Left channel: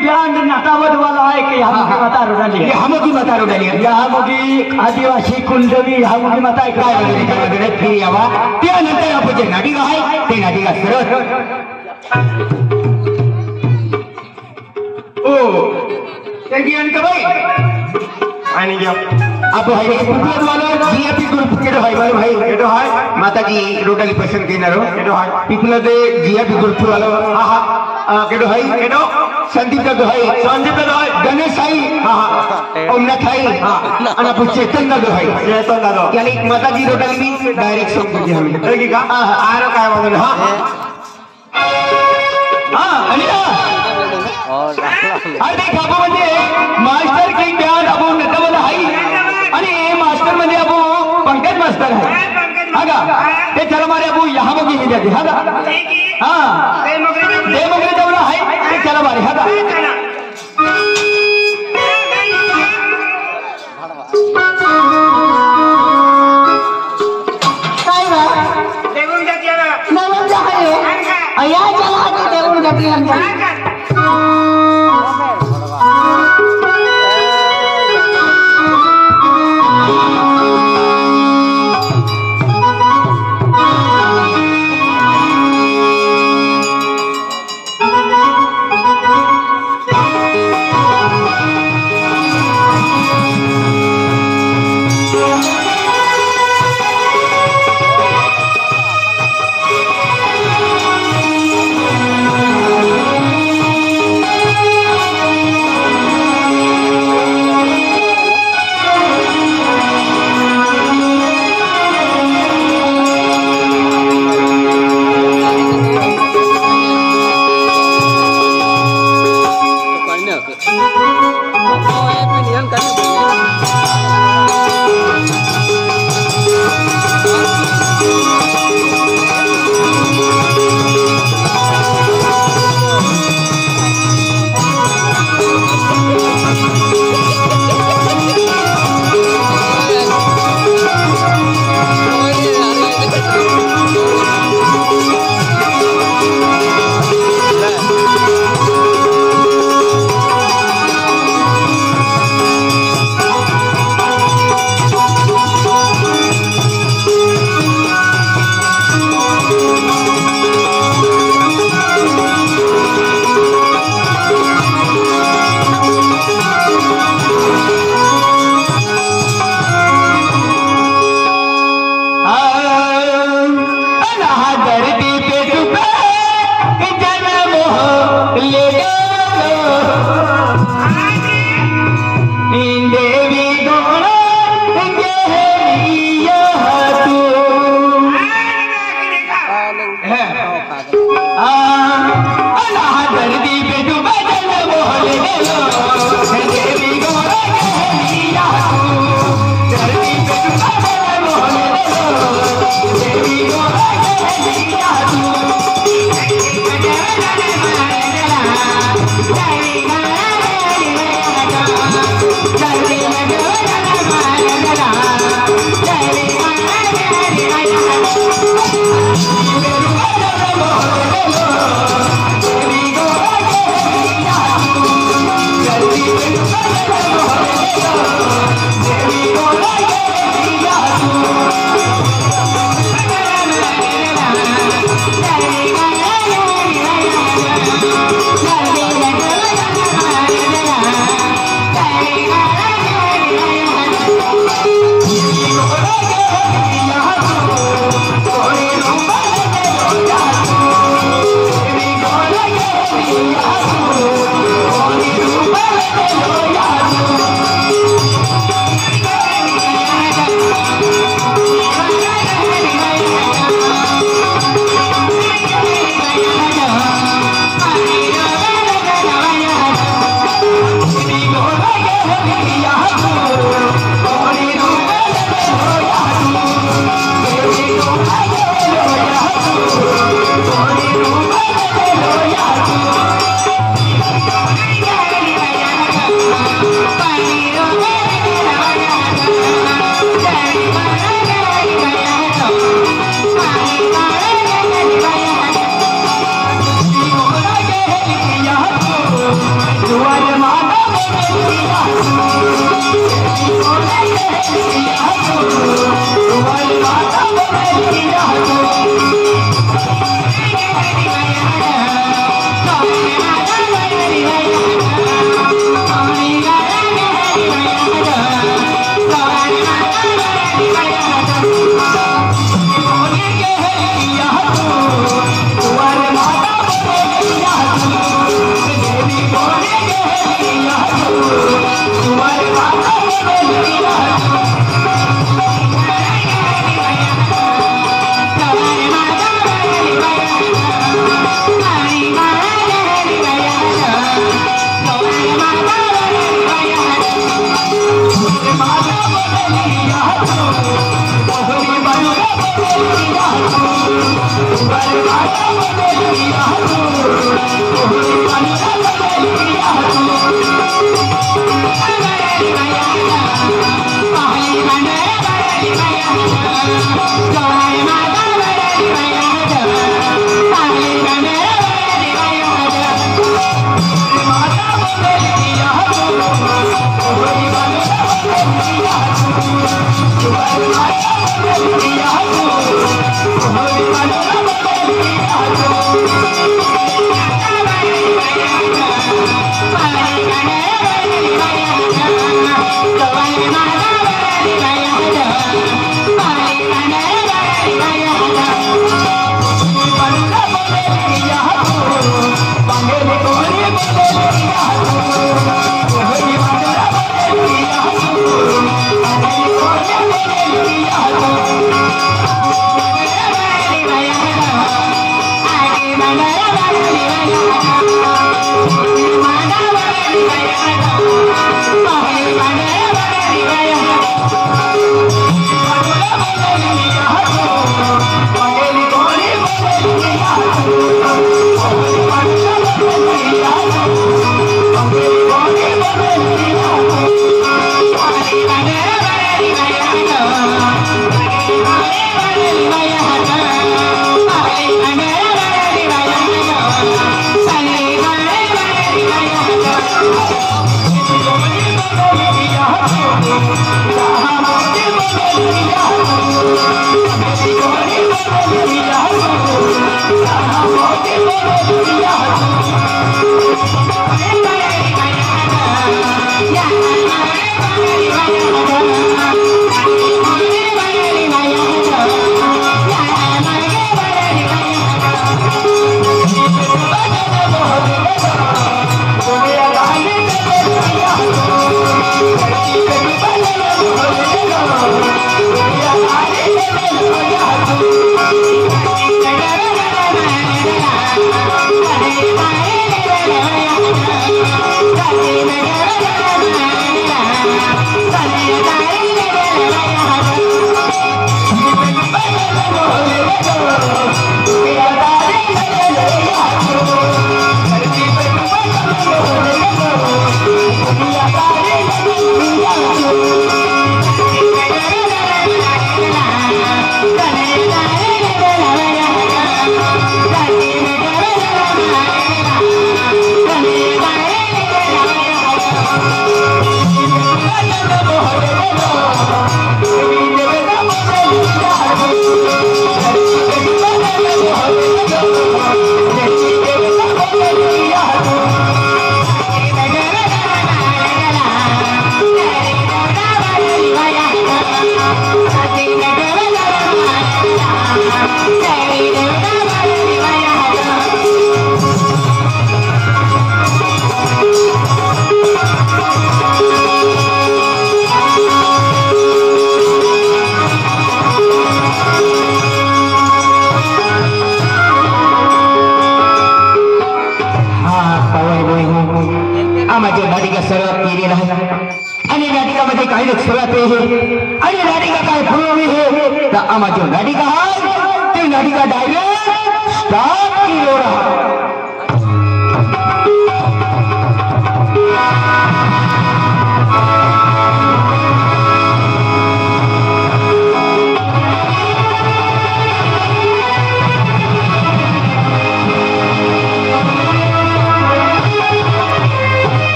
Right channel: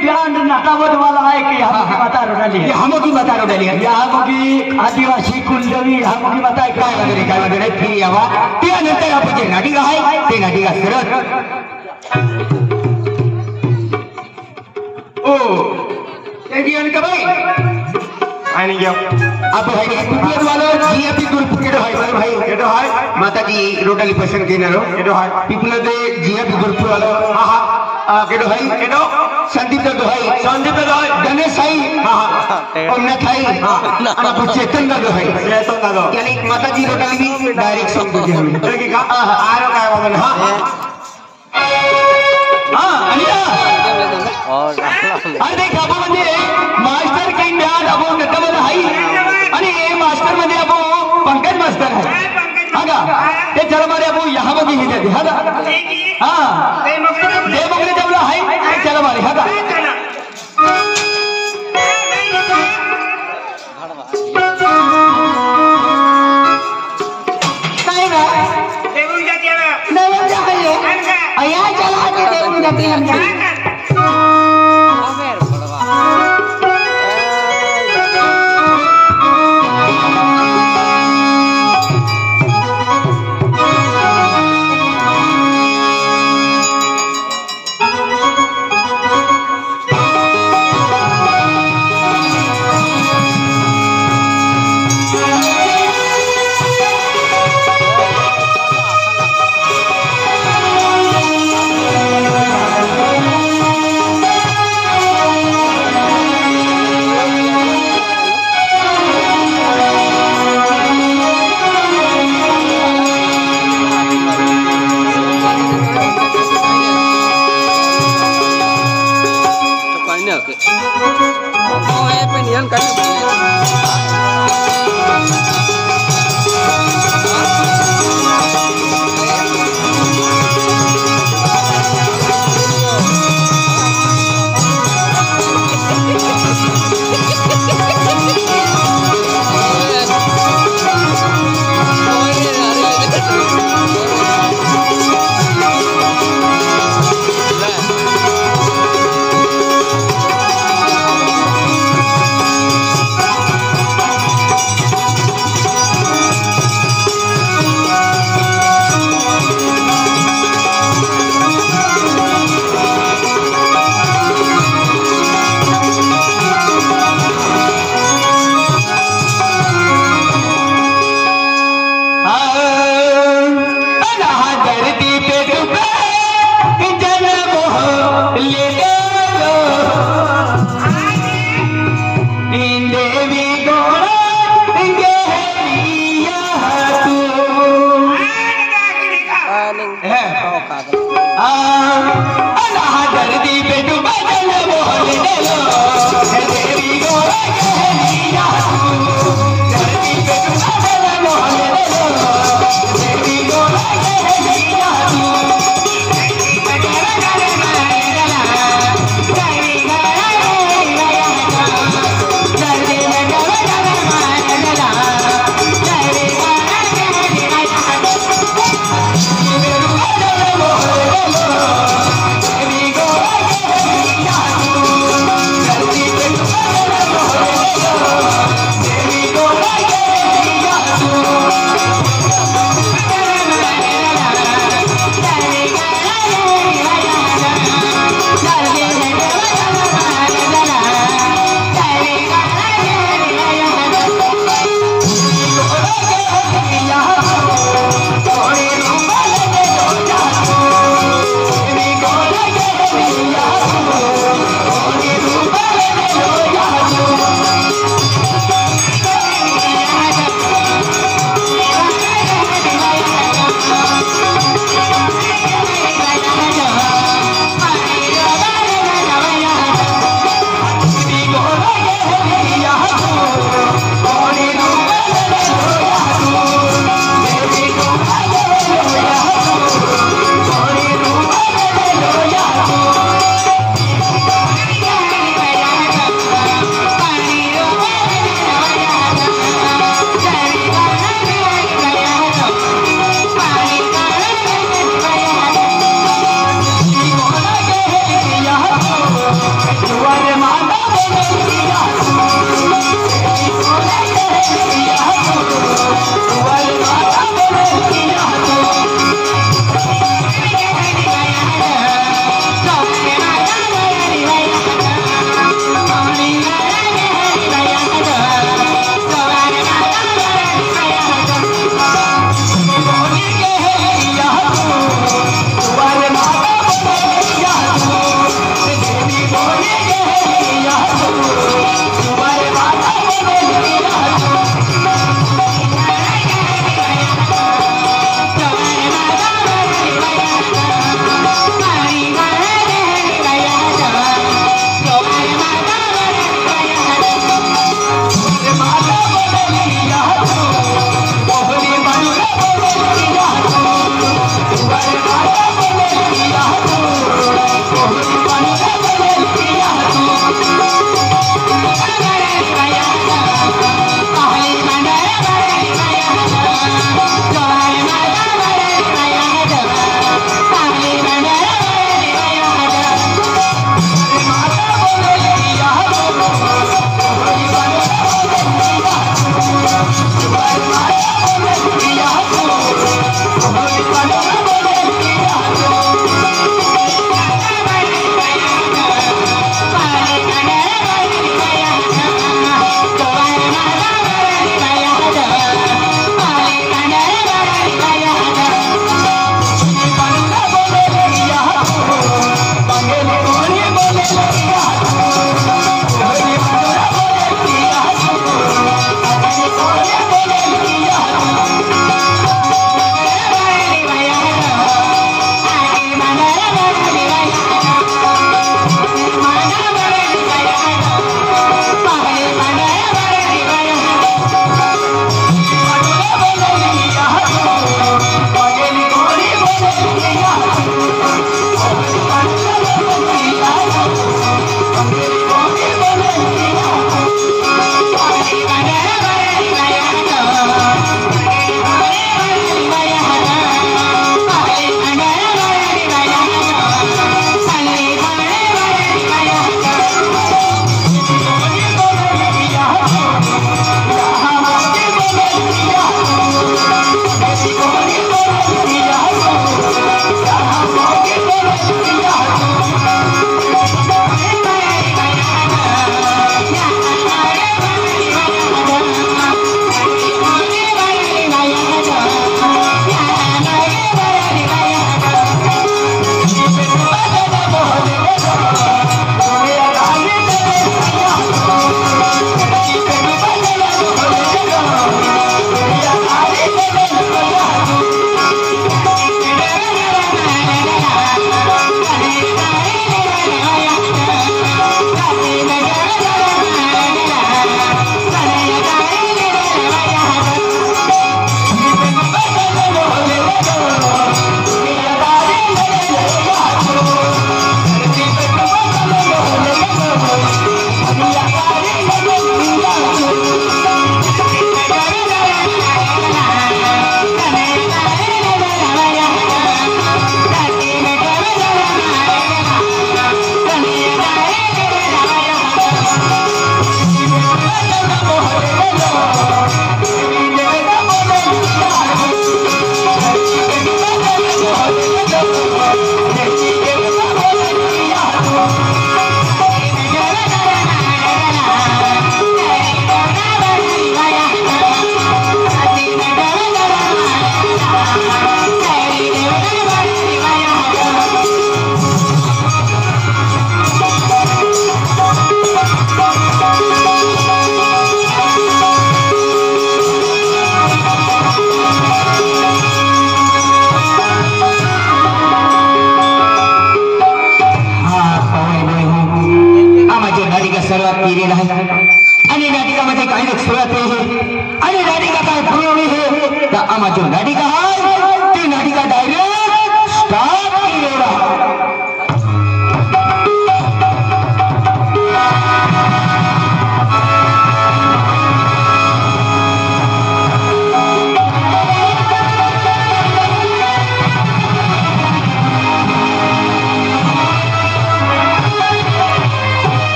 Band नटावत वाला आहे की ह्या माता रोडाली हमकी माता रोडाली या मगी आदिवासी कुलदेवी ह्या मगी माता आहे काय वगैरे फिरी यावा त्यानंतर आपण जे नाटिका आहे ते नाटिका सरळ ओ त्याची अंकबाई आणि घेऊ आप भाई कुपलत वाला जीएपी ग्रुप केडो हाय बरे भाई केडो हाय माताजी रोडाली पसंद केनारो केडो हाय पिपलो दे जीएपी ग्रुप वाला हां केडो हाय केडो संदीप का हाय संदीप का हाय गणेश हाय हां ओमना थाई आणि आपण चेतन का हाय चेतन का यानी माताजी रोडाली भी डायरेक्ट संपर्क होईल अरे की का आरो काय बाबा हां हां आणि और अरे बाबा म्हणजे मास्टर के ज्ञान अबो नटवल हाई आणि मास्टर मध्ये अबो पंकज मास्टर है हागा ते चला मारे अबो यहां बगी ही जाते हागा हां ते मोकळे जवळ हाई ते चला मारे हागा काय ना देऊन जाते ना देऊन जाते या चला ते देऊन जाते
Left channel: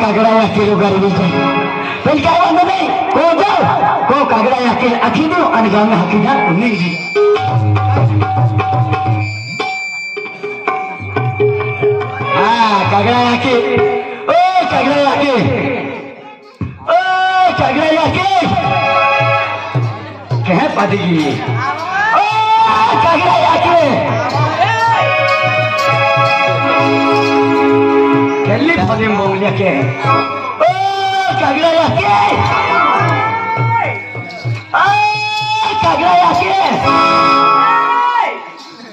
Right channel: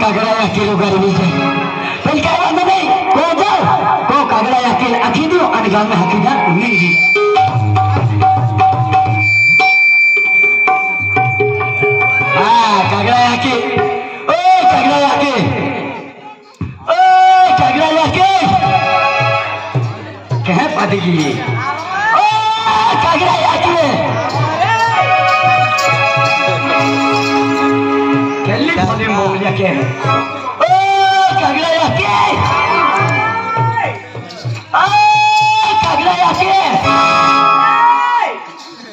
कागड़ा या किलो गरीबी से फिर क्या बात नहीं को जाओ को कागड़ा या किलो आखी दो और गांव में हकी जा नहीं जी हाँ कागड़ा या के ओ कागड़ा या के ओ कागड़ा या के कह पादेगी ओ कागड़ा या के Kelly paling maunya ke? Oh, kagak yakin. Oh, kagak yakin.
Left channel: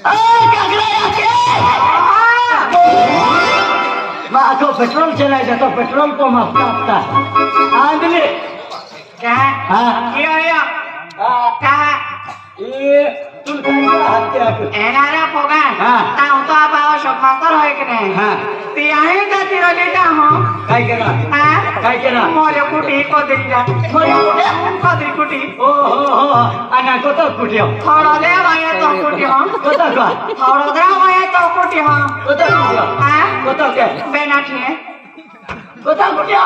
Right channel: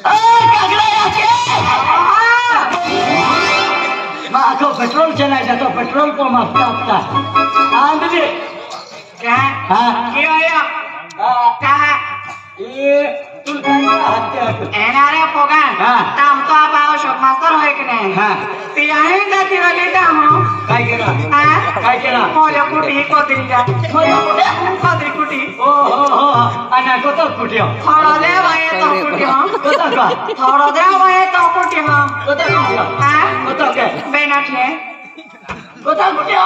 Oh, kagak yakin. Mak aku petrol चला जाता पेट्रोल को माफता आंदले क्या हाँ क्या आया क्या ये तुल कहीं का हत्या एनारे पोगा हाँ ताऊ तो आप आओ शोक मास्टर है कि नहीं हाँ तिहाई जाती हो लेता हम काय केला हाँ काय केला मोरे कुटी को दिया कोदरी कुटी ओ हो अना कोता कुटियो थोड़ा दे वाया तो कुटी हो कोता का थोड़ा दे वाया तो कुटी हो कोता कुटियो हाँ कोता के बेना थे कोता कुटियो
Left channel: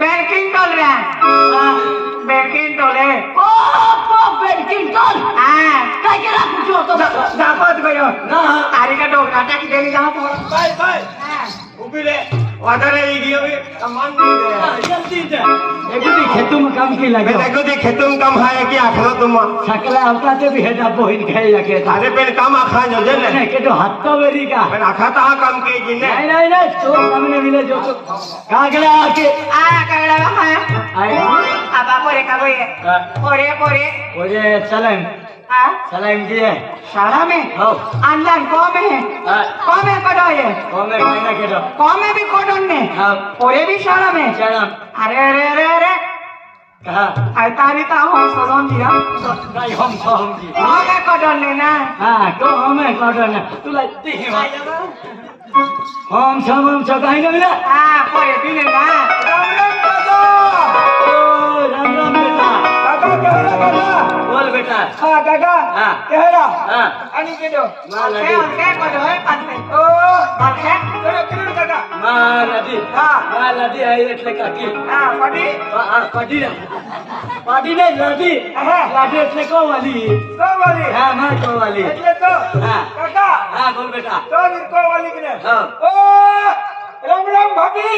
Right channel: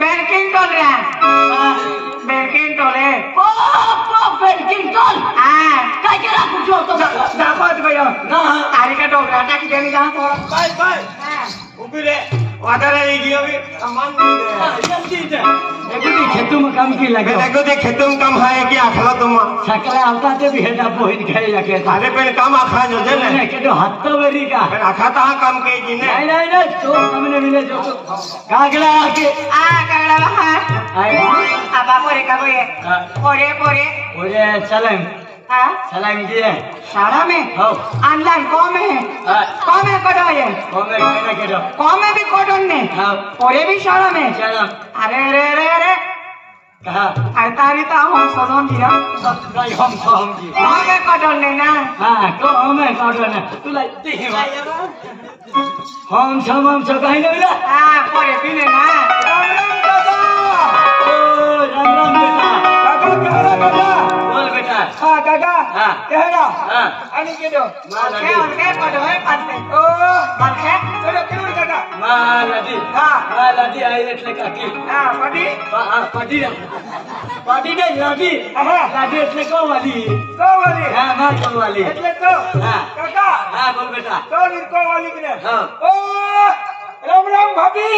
बैंकिंग कर रहा हाँ बैंकिंग टोले ओ बैंकिंग कर हाँ काय केला कुटियो तो दाखवत गयो ना तारी का डोगरा टाकी देनी जाओ तो बाय हाँ उभी रे वादर वीडियो भी मान नहीं दे जल्दी दे एगुदी खेतों में काम की लगे देखो दे खेतों में काम है कि आखरा तुम सकला आवता ते भी हेदा बोहिन खाई लगे अरे पे काम आखा जो दे ने के तो हत्ता वरी का पे आखा ता काम के जिने नहीं तो हमने मिले जो कागड़ा आके कगड़ा हाँ आई अब आप पोरे करो ये पोरे ओरे सलाम हाँ सलाम दिए सारा में हो अंदर कौन में हाँ कौन में कटो ये ओमे कहना के दो कौन में भी कटन ने हाँ पोरे भी सारा में सलाम अरे कहा तारी ता हम सजन दिया काय हम जी कौन में कटन ने ना हाँ तो हमें काटने तू लाई दी हम सब कहीं ना मिला हाँ पोरे भी ने ना ओ राम बेटा बोल बेटा हां काका हाँ कहरा हाँ आणि के दो के कटो है पाते ओ पाते करे काका मालदी हाँ मालदी आई એટલે કાકી हाँ पटी પાડી નહીં લાદી લાદી એટલે કોવાલી तो वाली હા ના કોવાલી એટલે તો हाँ काका हाँ बोल बेटा तो को वाली के हाँ ओ राम भाभी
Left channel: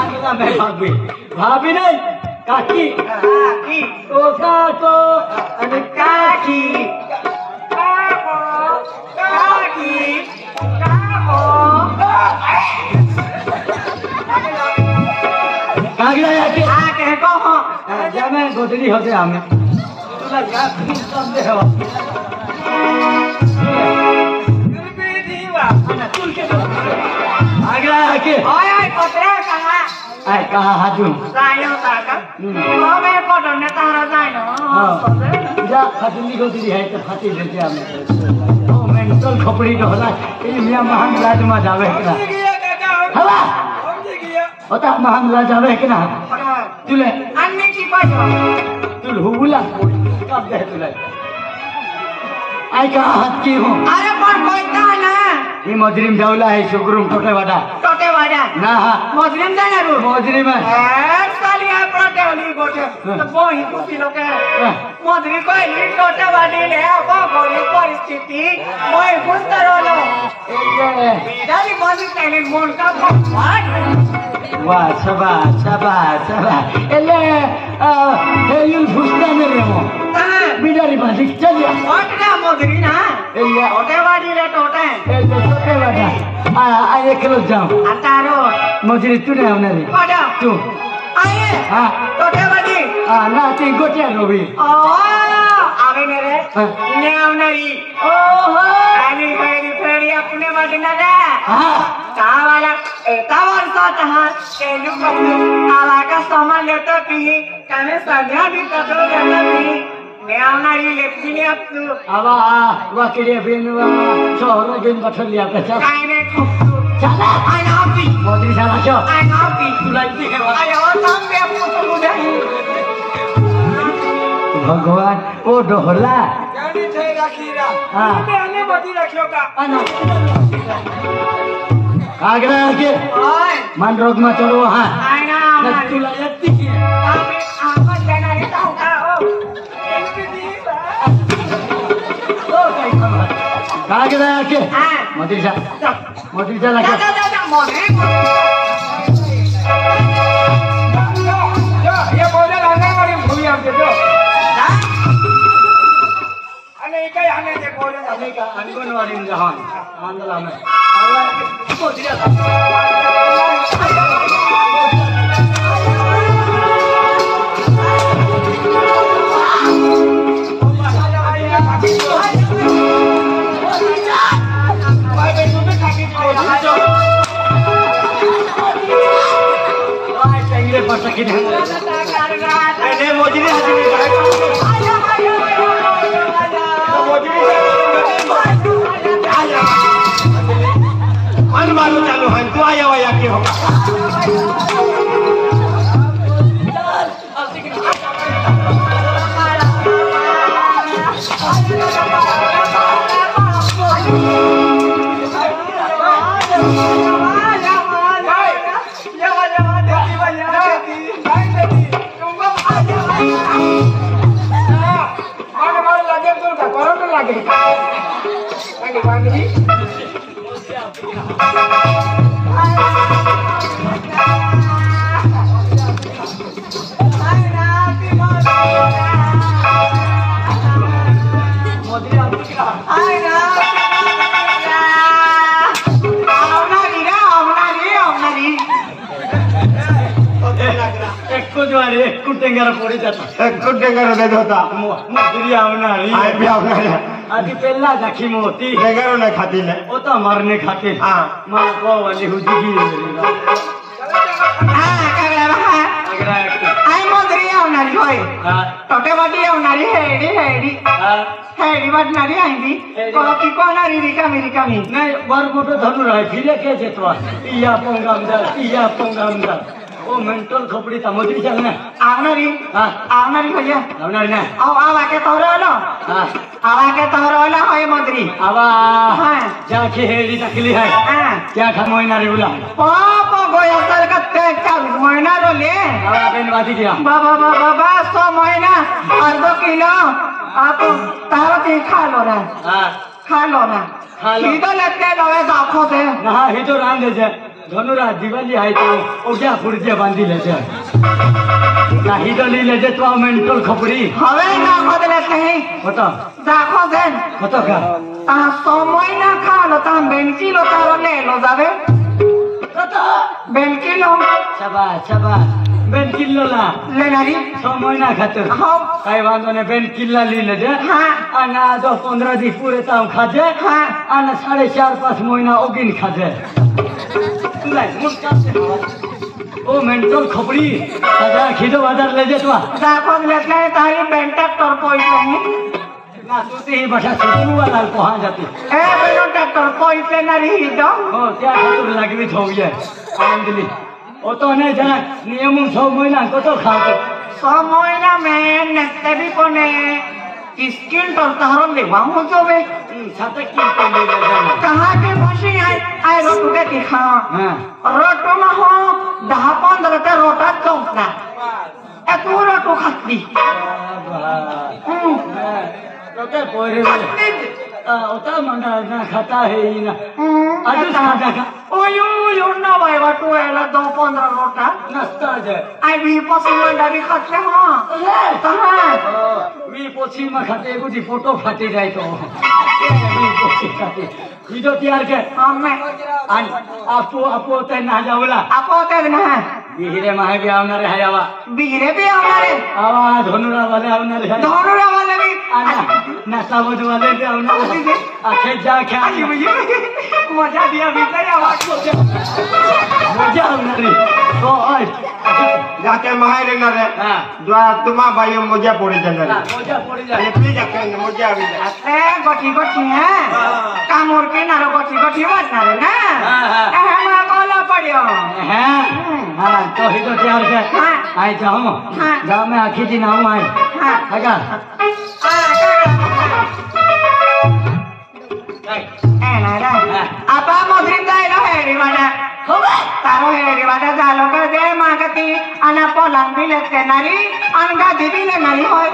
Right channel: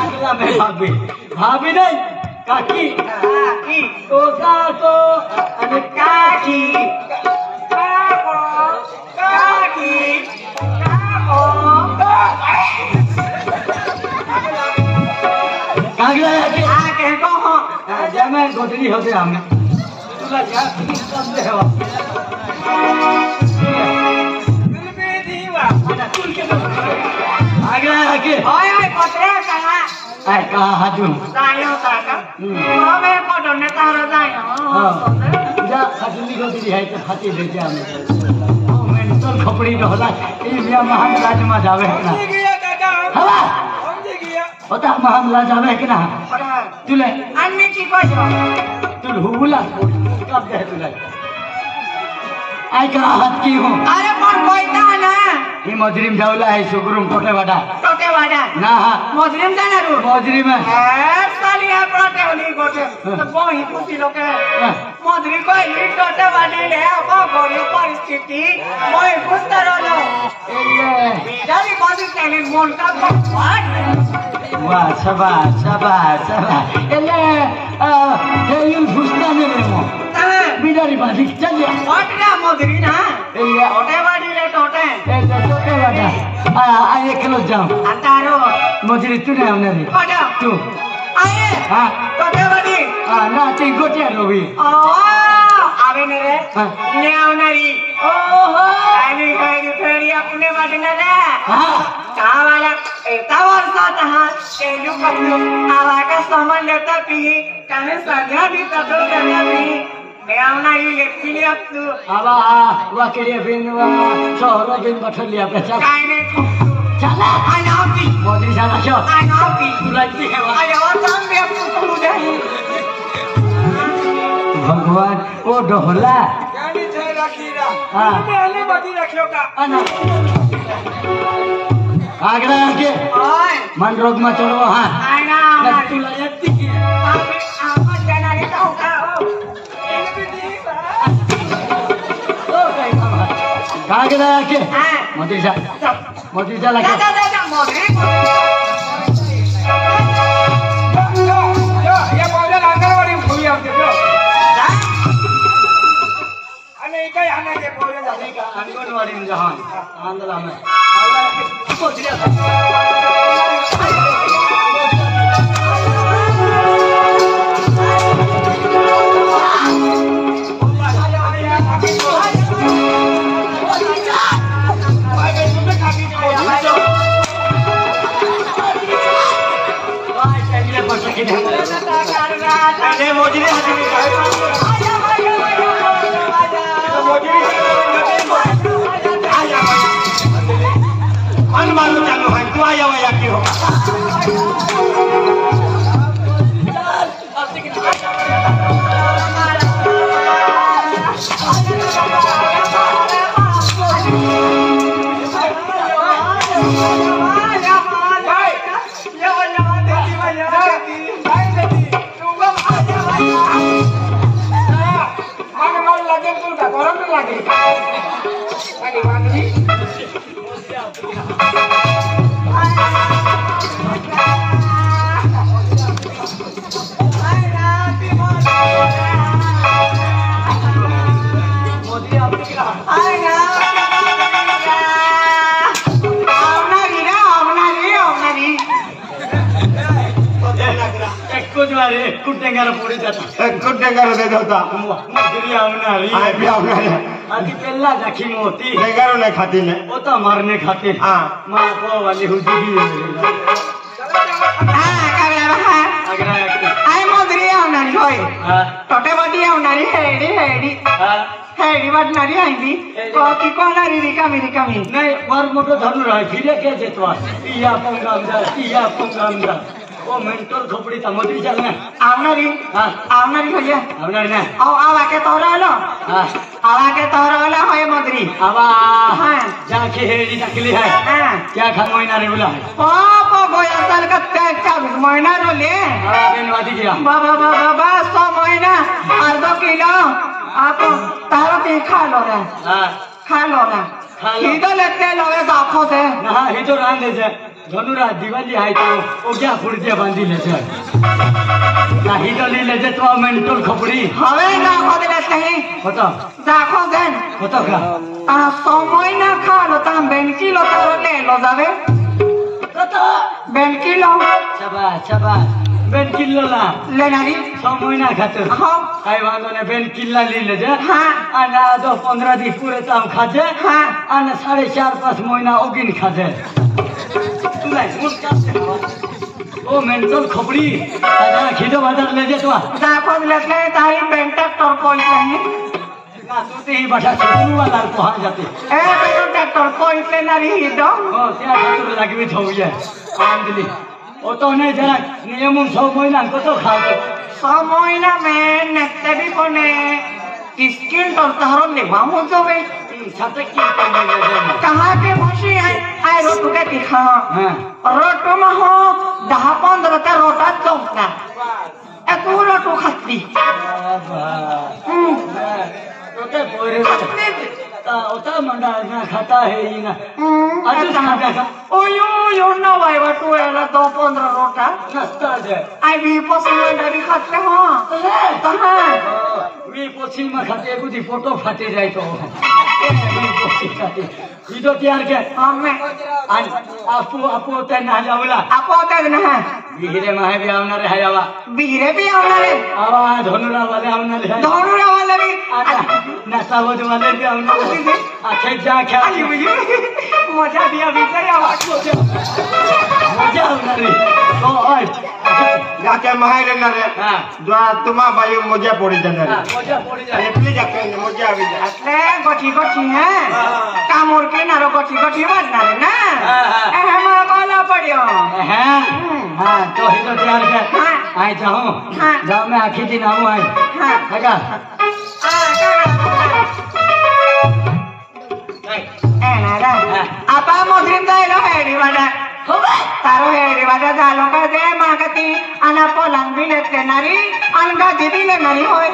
आगला में भाभी नहीं काकी हाँ की ओ काको અને કાકી काकी कागला के हाँ कह को हो जमे गोदरी होते हमें तुला या सब दे हो अगला के ओए पत्रे कहा आए कहा हाजू जायो काका हमें कटन ने तारा जायो हाँ जा खटली गोदरी है तो खाती दे दिया हमें ओ मेंटल खपड़ी जो होला ये मियां महाराज में जावे ना गया काका हाँ समझ गया होता महाराज जावे कि ना तुले अन्य की बजो तुल हुला कब दे तुले आई कहा हाथ की हूँ अरे पण कोईता ना ये मजरिम जाऊला है शुक्रुम टोटे वाडा टोटे वाडा ना हाँ मुस्लिम देना रू मजरिम है साली है टोटे वाली गोटे तो बोही तू किलो के मुस्लिम को ही टोटे वाली ले अब गोरी परिस्थिति बोही गुस्तर वालो बिदारी बाजी तेरी मोन का बात वाह शाबाश एले ये घुसता नहीं हो बिडारी बाजी चल जा वाटना मुस्लिम ना एले टोटे वाली ले टोटे एले टोटे वाडा आ एक किलो जाओ अंतारो मजरी तू नहीं होना रे वाडा तू आये हाँ टोटे वाली ना तीन गोटिया रोबी आवे ने रे ने आवनारी ओहो आनी गई फेरी अपने वाटना ना हाँ कावाला एता वर्षात हा केलू कपलू आवा का सामान लेता पी काने सध्या भी कटो लेता पी ने आवनारी लेती ने अब तू आवा वाकेड़े बेनवा शहर गेम बठल लिया पे चल काने चला आई हैप्पी मजरी चला चल आई हैप्पी लाइट है आई और काम पे तू जाई भगवान ओ डोहला जानी थे रखीरा हाँ पहले बती रखियो का आना आगरा के ओय मन रोग में चलो हाँ आय ना नत्ती ला यत्ती की आम्ही आवाज देणारी जाऊ का ओ आगरा के हां मोदी लगे जा मोदी या बोले अंगणवाडी भूमी आमचे जो आणि काय आणायचे बोले अनेक अंगणवाडी में हाँ आंदोलन में मोदी ने हाती मारू चालू है तू आया वया के हो एक टेंगारा पड़ी जाता एक टेंगारा दे होता मजूरी आवनारी आय भी आवनारी आधी पेल्ला जाखी मोती टेंगारा नहीं खाती ने वो तो मरने खाते हां मां को वाली हुजी अगर आय मोदी आवणारी होय टोटेवाडी आवणारी हेडी वाटणारी आहे ती की कोणारी रिकामी नहीं वर मोठो धनु राय फिरे के जेतवा इया पंगामदार ओ मेंटल खोपड़ी ता मजूरी चलना आवणारी भैया आवनारी ना आवा के तोरलो होय मोदी आवा हां जाखी हेडी नकली है हां क्या खमोइना रे बोला पाप गोया साल का का महीना रोले आवा बेनवादी किया बाबा 100 महीना अर्धो किलो आप तारा पे खा लो ना इधर लेते लवे दाखो से ना ही तो रान दे जे धनुरा दिवाली है तो ओ क्या फुड़जे बांधी ले छे ना ही तो ली ले जे तो मेंटल खपड़ी हवे ना खोद लेते हैं बता दाखो देन बता का 100 महीना खा लो ताम बेन किलो तारा ले लो जावे बता बेन किलो शाबाश बेन किलो ला लेना ही 6 महीना खाते हाँ काई वांदो ने बेन किल्ला ली ले जे हाँ आना 10-15 दिन पूरे ताम खाते हाँ आना 4.5-5 महीना ओगिन खाते तू लाई ओ मेंटल खपड़ी आजा खिदो बाजार ले जे तो दाखो लेते हैं ताई बेन ट्रैक्टर कोई नहीं ना तू ही बटा सुनु वाला पहुंच जाती ए बेन ट्रैक्टर कोई से नहीं दो ओ क्या खातिर लागबे छौये आम दिली ओ तो नहीं जाना नियम 6 महीना कतो खाओ 100 महीना में नेते भी कोने स्किल तो तारो लेवा हो जावे साथे की कर ले कहां के बसी आए रोटू के दिखा हां रोटू में हो 10-15 का रोटा चौकना ए पूरा तो खाती तो पोरे ओता मंडा ना खाता है ही ना आज खाता का ओयो ना भाई बाटू एला 10-15 रोटा नाश्ता जे आई भी पसंद मंडा भी खाते हो कहां मी पोछी में खाते बुझी फोटो फाटी जाए तो मी पोछी खाते वीडियो तैयार के हमें आपो ते ना जावला आपो ते ना बिहरे माहे भी आवनार है जावा बिहरे भी आवनारे आवा धनुरा वाले आवनार है धनुरा वाले भी नासा बोझ वाले भी आवनार है आखे जा क्या मजा दिया भीतर आवाज मजा आवनार ओ जाके महाय लेना रे हां द्वा तुमा भाई मजा पड़ी चले मजा पड़ी जाए पी जाके मजा आवी जा ए गोटी है कामोर के नारो गोटी बनना रे ना ए मैं वाला पड़ियो हैं हां तो ही तो तैयार है आए जाओ जाओ मैं आखी दिन आऊं आए हैगा ए ना आपा मधुरिंदा है हेडी वाला तारो हे वादा झालो का जे मागती आणि पोलांग बिलेत करणारी आणि गादी बी लेणारी होय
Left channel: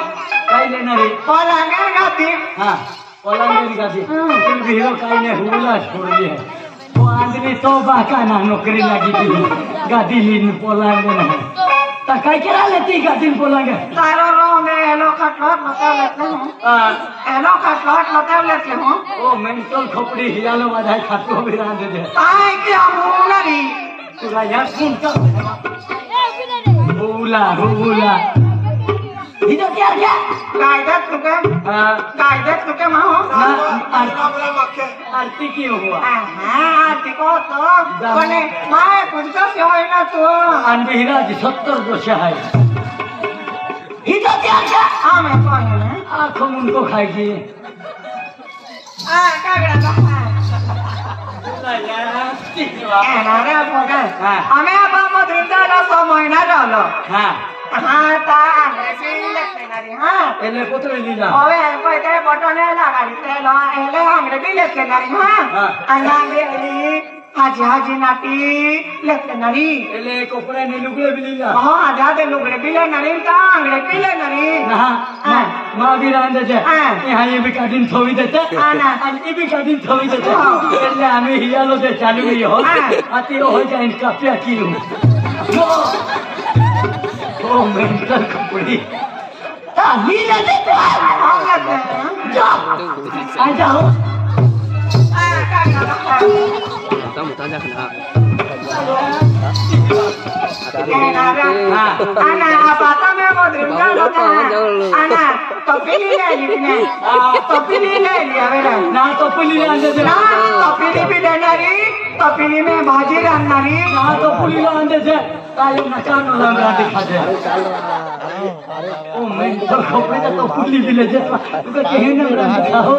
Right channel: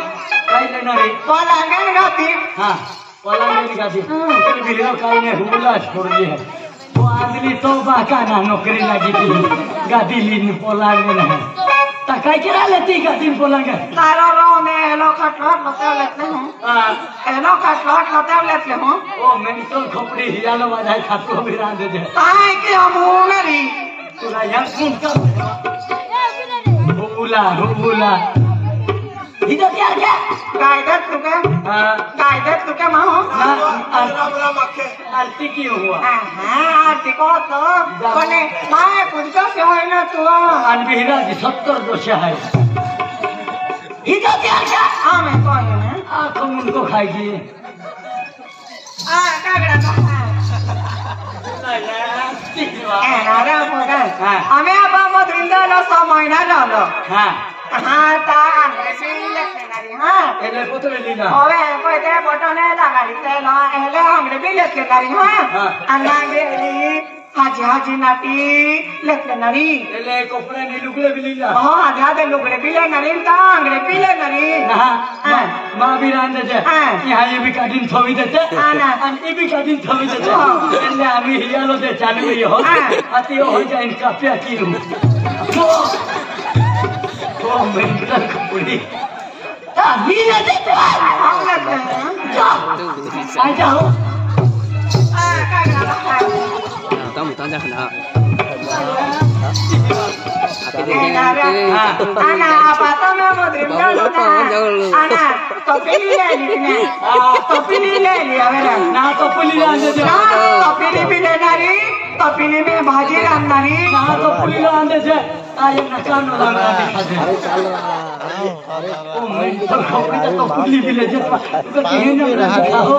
काय लेणार आहे पोलांग आणि गादी हा पोलांग गादी बिलो काही नाही हुला छोडली आहे तो आंधली तो बाका ना नोकरी लागी ती गादी लीन पोलांग नाही तर काय केला ती गादी पोलांग तारो रो ने एलो कटलोट लतेवलेतले हो एलो कटलोट लतेवलेतले हो ओ मेंटल खोपडी हियाला वाधाय खातो विरांद दे काय की होणारी तुला या कोणता हुला इधर क्या क्या कायद्यात तुके माहो आरती क्यों हुआ आरती को तो कोने माय कुछ से होय ना तो अनबिहरा जी 70 दोष है इधर क्या क्या हमें कौन है आप उनको खाएगी कागड़ा अरे बोगा हमें अब मधुरिंदा ला समय ना लालो हां हाँ ता लेक्चररी हाँ एले पुत्र लीला ओवे कोई ते बटने लगाड़ी ते ला एले हमरे भी लेक्चररी हाँ अन्नागे ली हाजी नाटी लेक्चररी एले कोपरा ने लुगड़े भी लीला हाँ आधा दे लुगड़े भी लेनरी ता हमरे भी लेनरी हां मां भी रांद दे यहाँ ये भी काटिन थोवी देते और ये भी काटिन थोवी देते एले आम्ही हियालो दे चालू गई हो आती हो जाए इनका क्या किलो ओ मेंटल खोपड़ी हीले दे तो आ जाओ Ana apa tu memang dream Ana topi ni ni topi ni apa ना तो पुली रांद दे ना topi ni भी लेनारी topi ni में भाजी रांधनारी ना तो पुली रांद दे ताये नकान वाला दिखा दे ओ मेंटल खोपड़ी तो पुली भी ले दे तो कहीं ना दिखाओ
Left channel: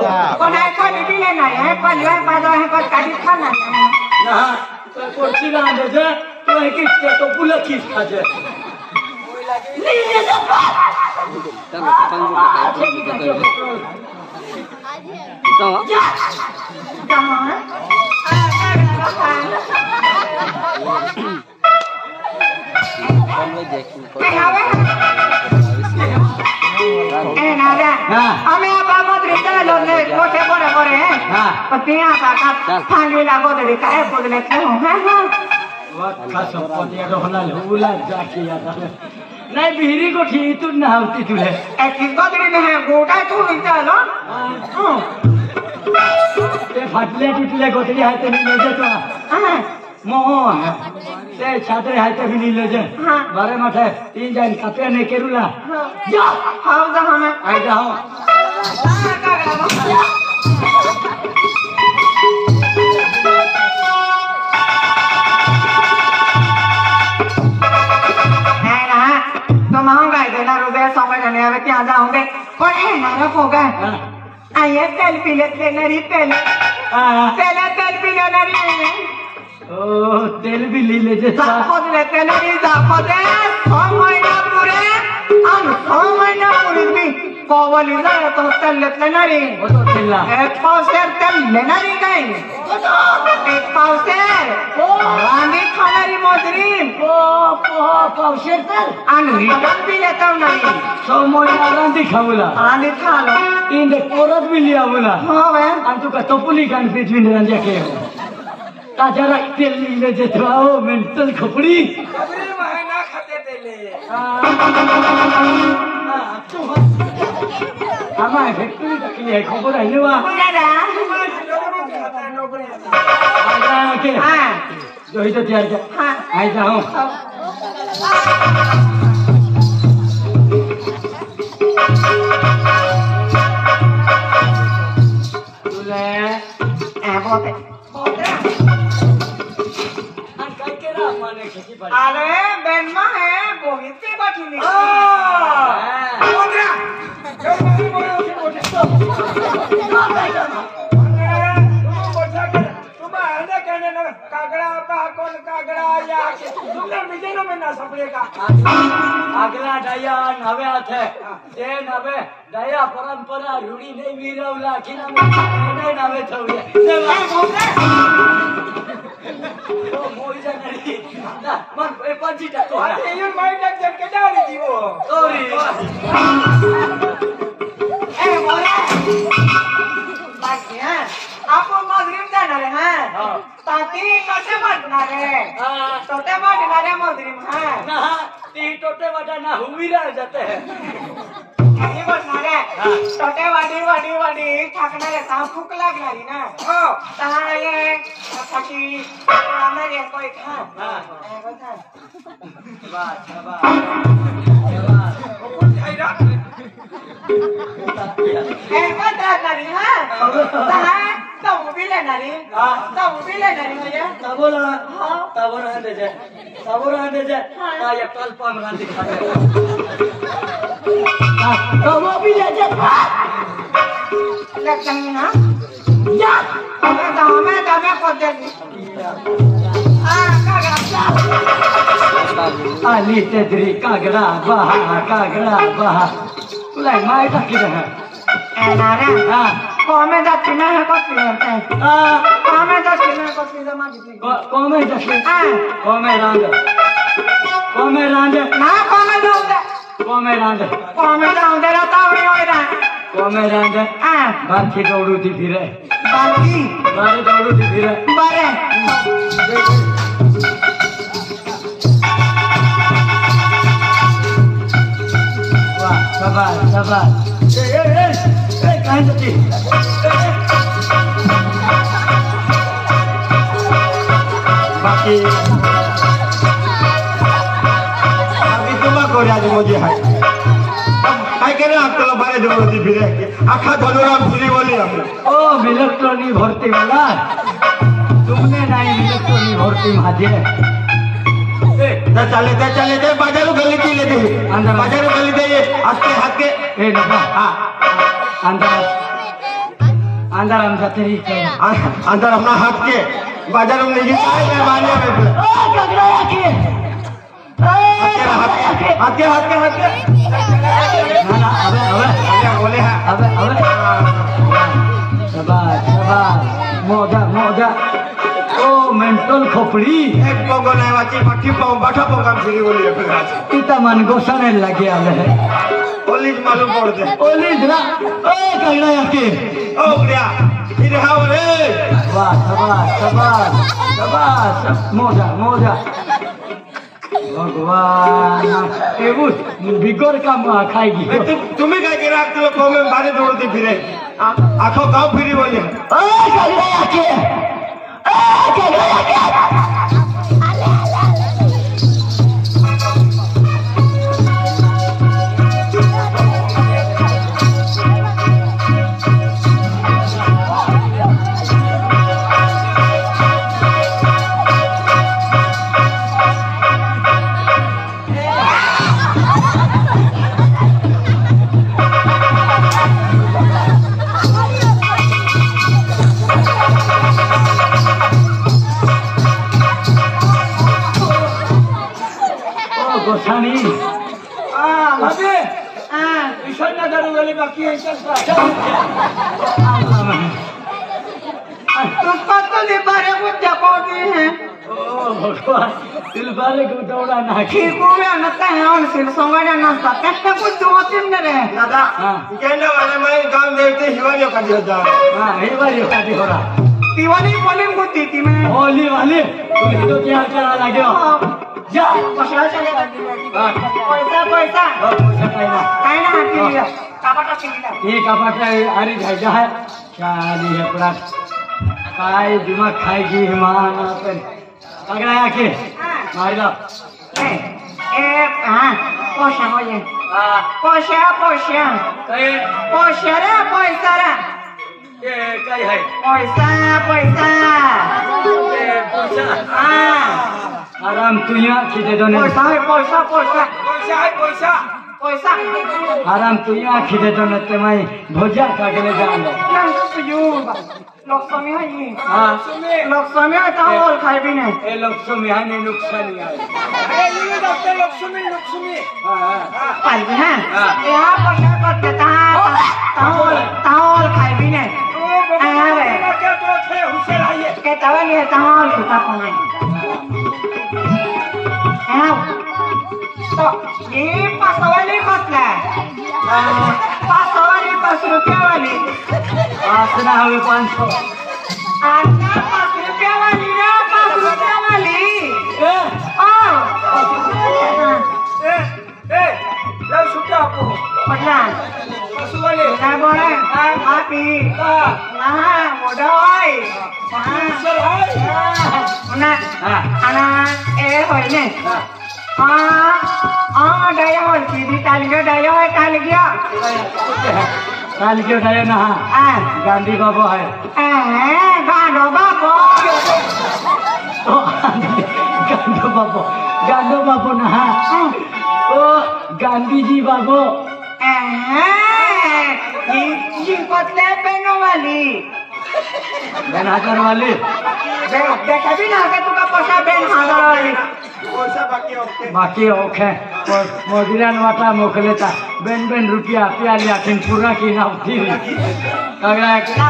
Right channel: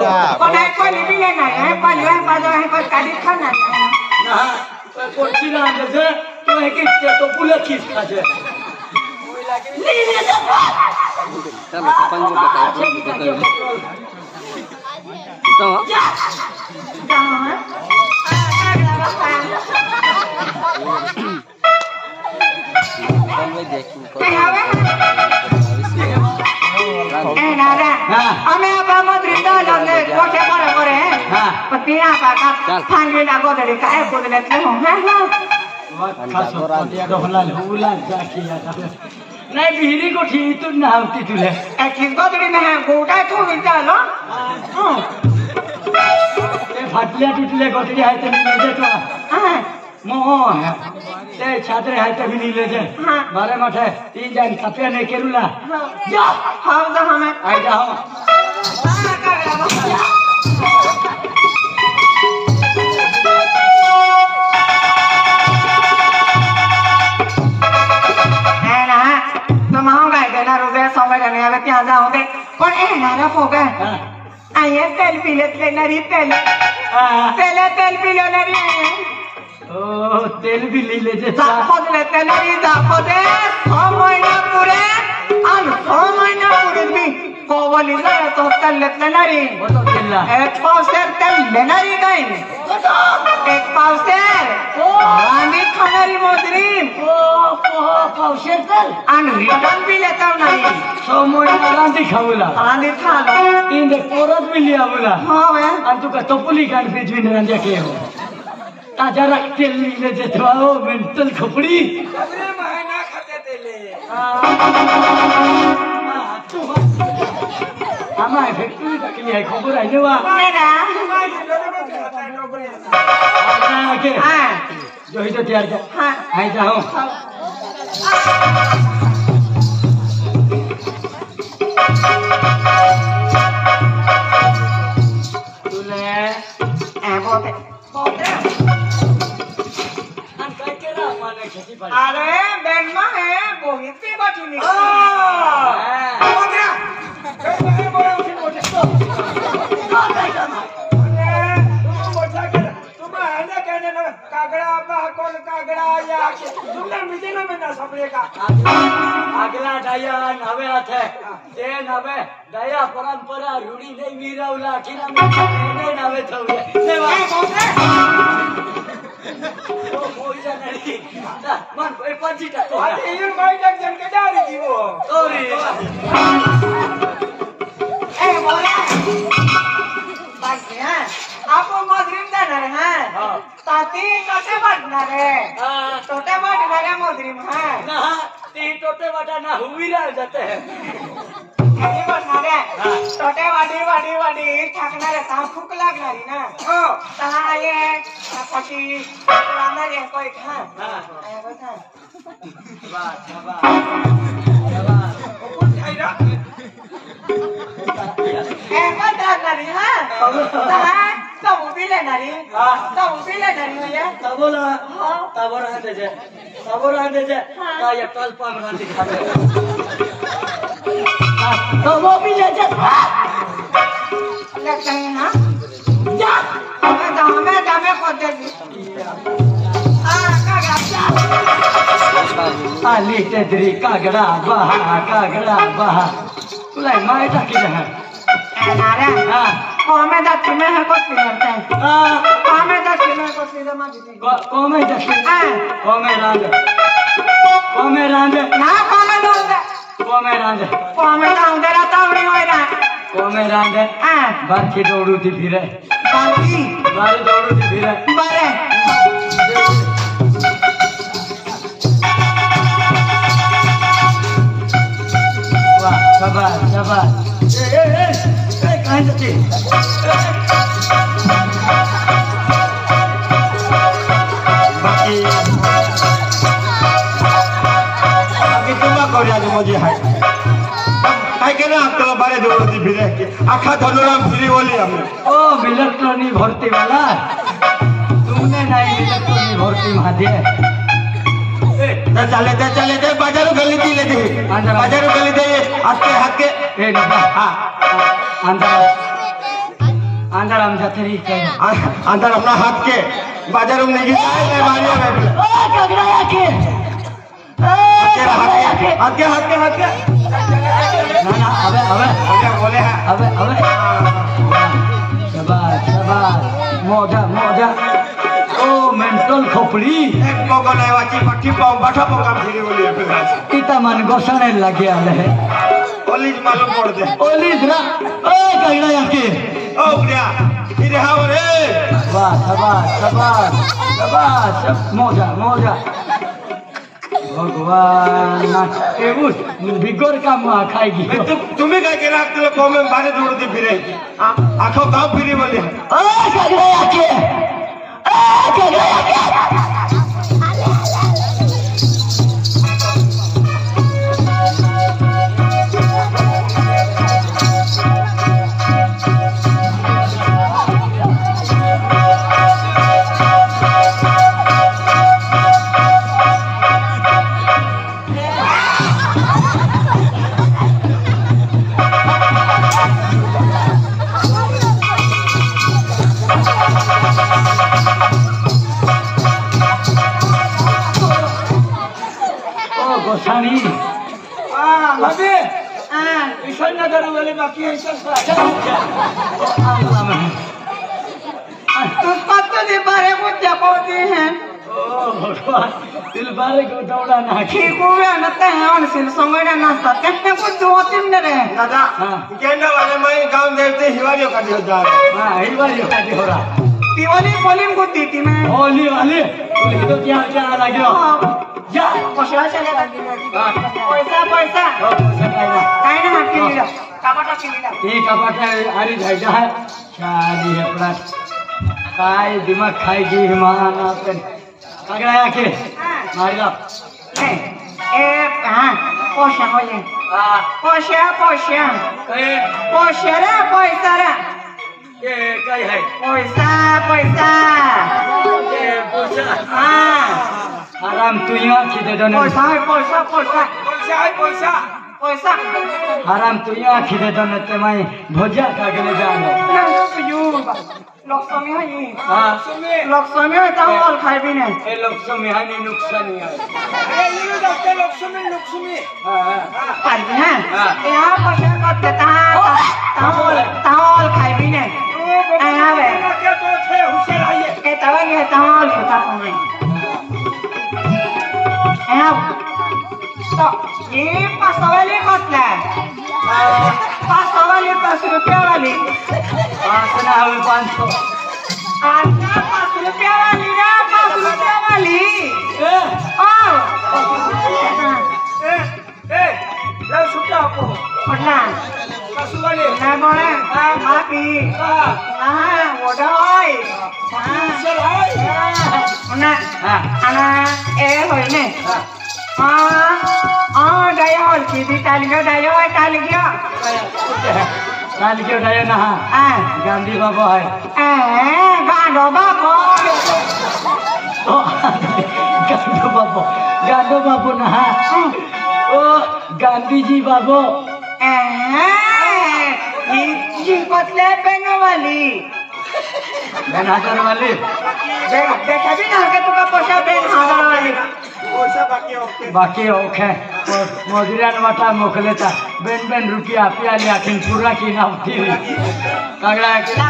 कोई भी लेना है पहले बाजा है पर काटी खाना ना तो कोची रांद दे तो है कि तो पुला खींच खा दे ले ले दे चलो पंगो तो हमें अब मधुर ले कोठे बड़े बड़े हैं पिया का फांगे लागो दे का एक बोल लेते हो खासो पतिया तो हला हुला जाके आता नहीं बिहरी को ठीक तो ना होती तुले एक किस बदरी में है गोटा तो मिलता लो ये फाटले टूटले गोटरी है तो नहीं ले तो मोह ते छात्रे है तो भी नहीं ले जाए बारे माथे 3 जान कपे ने केरुला जाओ हां जा हमें आई जाओ अब क्या जाओगे पर ए नारा होगा आये तेल पी लेते नरी तेल तेल पी ले नरी ओ तेल भी ले ले जे जाखोद लेते नरी जाखोद 6 महीना पूरे अन 6 महीना पूरे भी कोवली ना तो तेल लेते नरी वो तो खेलना एक पाउसर तेल ले नरी गई एक पाउसर ओ रानी खानारी मदरीन ओ पाउशेर तेल अन रिटर्न भी लेता नहीं सोमोय रांदी खाऊला रानी खा लो इन दे कोरत भी लिया बोला हां बे आणि तुका टोपली कान पेजवी रांद्या के ताजा तेल ले जे तो मेंटल खोपडी अरे महीना खाते तेले तू हमारे फैक्ट्री तक ले खबर है लेवा महीना मत खाता नौकरी आ के हां जो ही तो तैयार कर हां आई जाओ तुले ए बोते अन काय केला माने खेती पाडी अरे बेनमा है बोहित पे बैठी नहीं આગલા ડાયા નવે હાથે તે નવે ડાયા પરંપરા રૂડી નહીં વીરવલા ખીના એને નવે થવું ओ मोई जानारी मन ए पाजीटा को अरे ये मैं जन के डाली थी वो सॉरी ए मोया बाकी है आपको मधुरिम जाना है हां ताती टोटे बांटना रे हां टोटे बांटना रे मधुरिम है ना ती टोटे वाटा ना हुई रह जाते हैं ये बांटना रे टोटे वाडी ठाकना रे ता भूख लागणारी ना हो ता ये खाची पुराना रे कोई खा हां ए बता शाबाश शाबाश कोण खाईरा ए बंदारी हां ता तब भी लेणारी होया तबो रहते जे ता ये कल पाम रांधी खाते तबो भी ले जे लगता ना जा हमें दमे को दे दी आली तेजरी कागड़ा बहा तुला माय टाकी है नारे हां कोमे दक्षिणा को फिरते कोमे दक्षिणा को फिर मांगी कोमे दक्षिणा कोमे रांदे ना कोमे रांदे रहता होइरा कोमे रांदे बाकी दौड़ू थी फिरे बारे दौड़ू थी फिरे बारे वाह शाबाश ए कहां जाती बाकी तुम्हारा कोरिया जो मुझे है काय के ना आपको बारे जो मुझे फिरे आखा धनुराम फिरी बोली हमने ओ इलेक्ट्रॉनिक भर्ती वाला तुमने नहीं इलेक्ट्रॉनिक भर्ती मादे चले बाजारों गली थी लेते बाजारों गली दे हाथ के ए ना हां अंदर हम जाते रही अंदर अपना हाथ के बाजारों में नहीं जाए मारने में ओ कगड़ा आके हाथ के बोले हैं अबे शाबाश मोजा ओ मेंटल खोपड़ी एक पोगोला वाची पट्टी पाऊं बैठा पोगम फिरी बोली फिर इता मन गोसाने लगे आ रहे पुलिस मालूम पड़ दे पुलिस ना ओ कगड़ा आके ओ भैया इधर आओ रे वाह शाबाश मोजा भगवान एबुस बिगड़ का मुआ खाएगी तुम्हें काय करे आप लोग को में बारे जोड़ती फिरे आंखों गांव फिरी बोले ओ कगड़ा आके गोसानी अबे ईश्वर ने करू वाले बाकी ईश्वर तो दे बारे कुछ जापाते हैं ओ भगवान दिल बारे को दौड़ा ना ठीक हो गया नते हैं उन सिल संगड़ा ना सकता कुछ दो तीन रे दादा कहने वाले मैं गांव देवते हिवालियों का जो जा हां हिवालियों का हो रहा दिवाली पोलिंग को तीती में होली वाले तो क्या लगे जा पैसा चलेगा पैसा काय ना किलीला कापाटा किलीला ये कापाटा आरी जायजा है चाली है पूरा काय दिमाग खाएगी हिमान अपन अगला आके मारला ए हां पैसा होले पैसा कहे पैसा रे ये काय है पैसा ये पैसा आराम तू यहाँ खींचे दो ने पैसा आराम तू यहाँ खींचे दो ने तो मैं भोजा खा के ले जाऊंगा लक्ष्मी है ये हाँ लक्ष्मी है तो बोल खाए भी नहीं ये लक्ष्मी है नहीं नुकसान है ये डॉक्टर लक्ष्मी हाँ पाल भी है यहाँ पैसा कर देता है तावल खाए भी नहीं तो थे होशियार है के तवा ये tahu kita punya. तो ये 500 वाली कसला 500 वाली 5 रुपया वाली 5 ना हवे 500 आता 5 रुपया वाली रे 5 रुपया वाली ए ए लो सुटा को पटना 5 वाली ना बोले हां मापी हां ओडोय चल होय ना ana होय ने डायो सीधी टाल गया डायो टाल गया ना गांधी बाबा है गांडो बाबा गांडो बाबू ना ओ गांधी जी बाबू जी कोतले बेनो वाली बेन हजार वाली देखा भी ना के तुका पैसा बेन हजार वाली पैसा बाकी ओके मोदिरान वाटा मोकलेता बेन रुपया प्याले आखिन पूरा की ना थी कागड़ा ना पैसा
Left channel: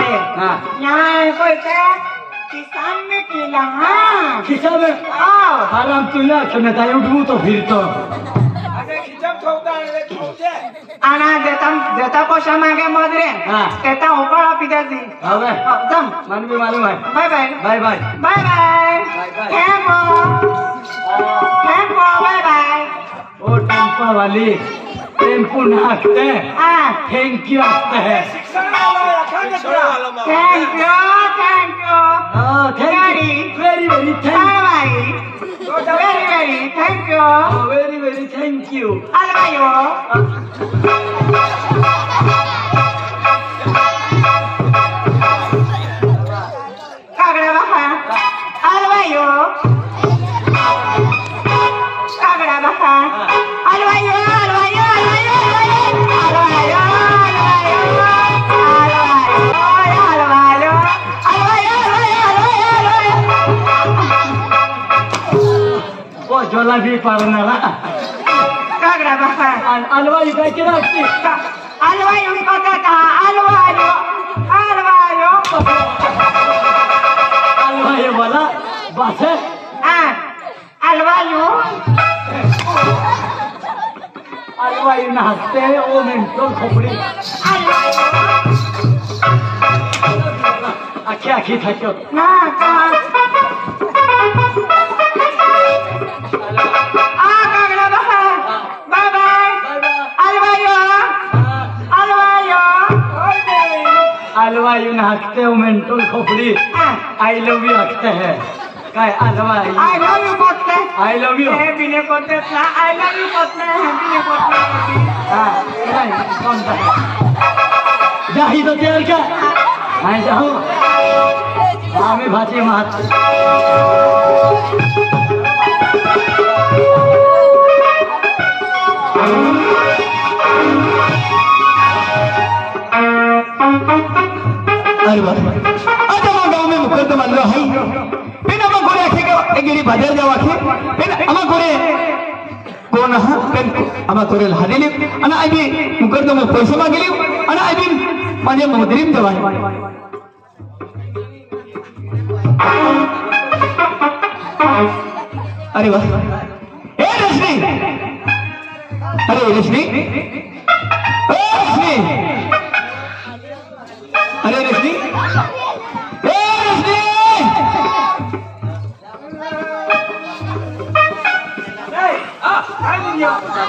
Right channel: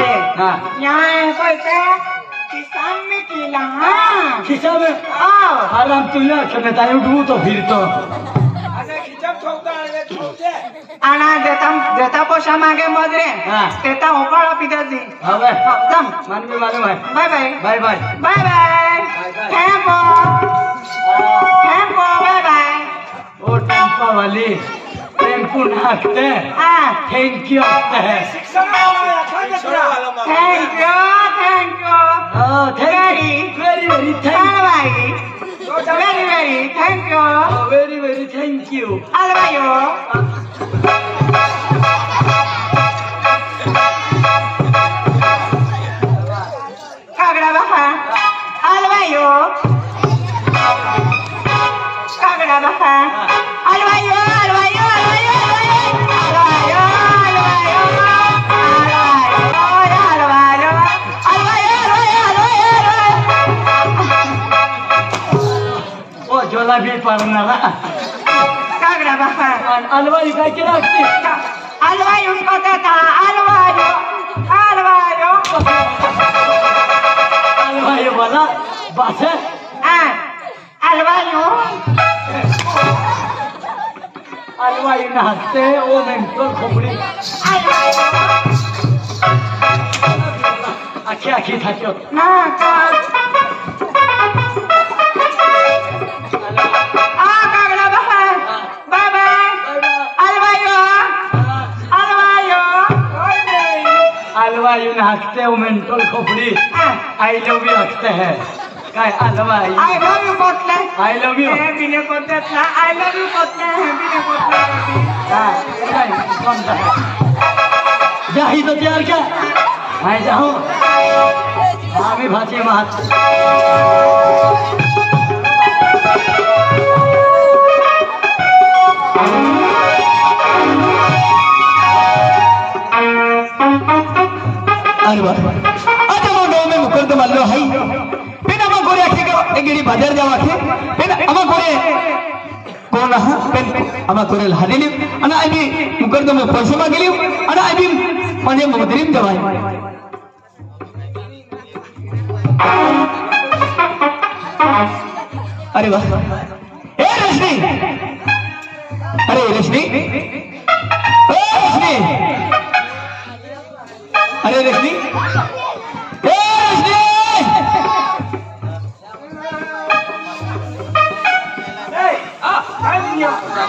है हां यहां कोई का किसान में किला हां खिसा में हालाम तुले सुने ताई उठू तो फिर तो आना देता पैसा मांगे मदरे देता ऊपर पिता जी अबे एकदम मन भी मालूम है bye bye bye bye bye bye tempo bye bye ओ टेम्पो वाली टेम्पो नाखते थैंक यू है thank you very thank you very thank you अलवायो कागड़ा बहा अलवायो कागड़ा बहा अलवायो अलवायो अलवायो अलवायो अलवायो अलवायो अलवायो ओ जोला भी पावना कागड़ा बहा अलवाई काय के रखती अलवायो पता अलवायो अलवायो अलवाई बोला बस अलवायो अलवाई नाचते ओ मेंटल खोपड़ी आखी थाक्यो ना बाय बाय अलवायो अलवायो अलवाई नाचते ओ मेंटल खोपड़ी आई लव यू हंसते हैं काय अलवाई आई लव यू पतले आई लव यू ए बिने पतले आई लव यू पतले बिने पतले कौन सा जाही तो तैयार क्या मैं जाऊं स्वामी भाजी महात अच्छा मैं गाँव में मुकर तो मान लो है फिर हम कोरे आखे के गिरी बाजार जावा के फिर हम कोरे कौन हा फिर हम कोरे लाने ले अना आई भी मुकर तो मैं पैसे मांगे ले अना आई भी माने मदरीम जवान अरे वाह ए रश्मि अरे रश्मि ए रश्मि अरे रश्मि ए रश्मि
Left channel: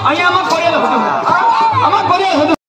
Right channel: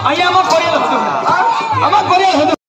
અહીંયા આમાં કોરેલ હતું આમાં કોરેલ હતું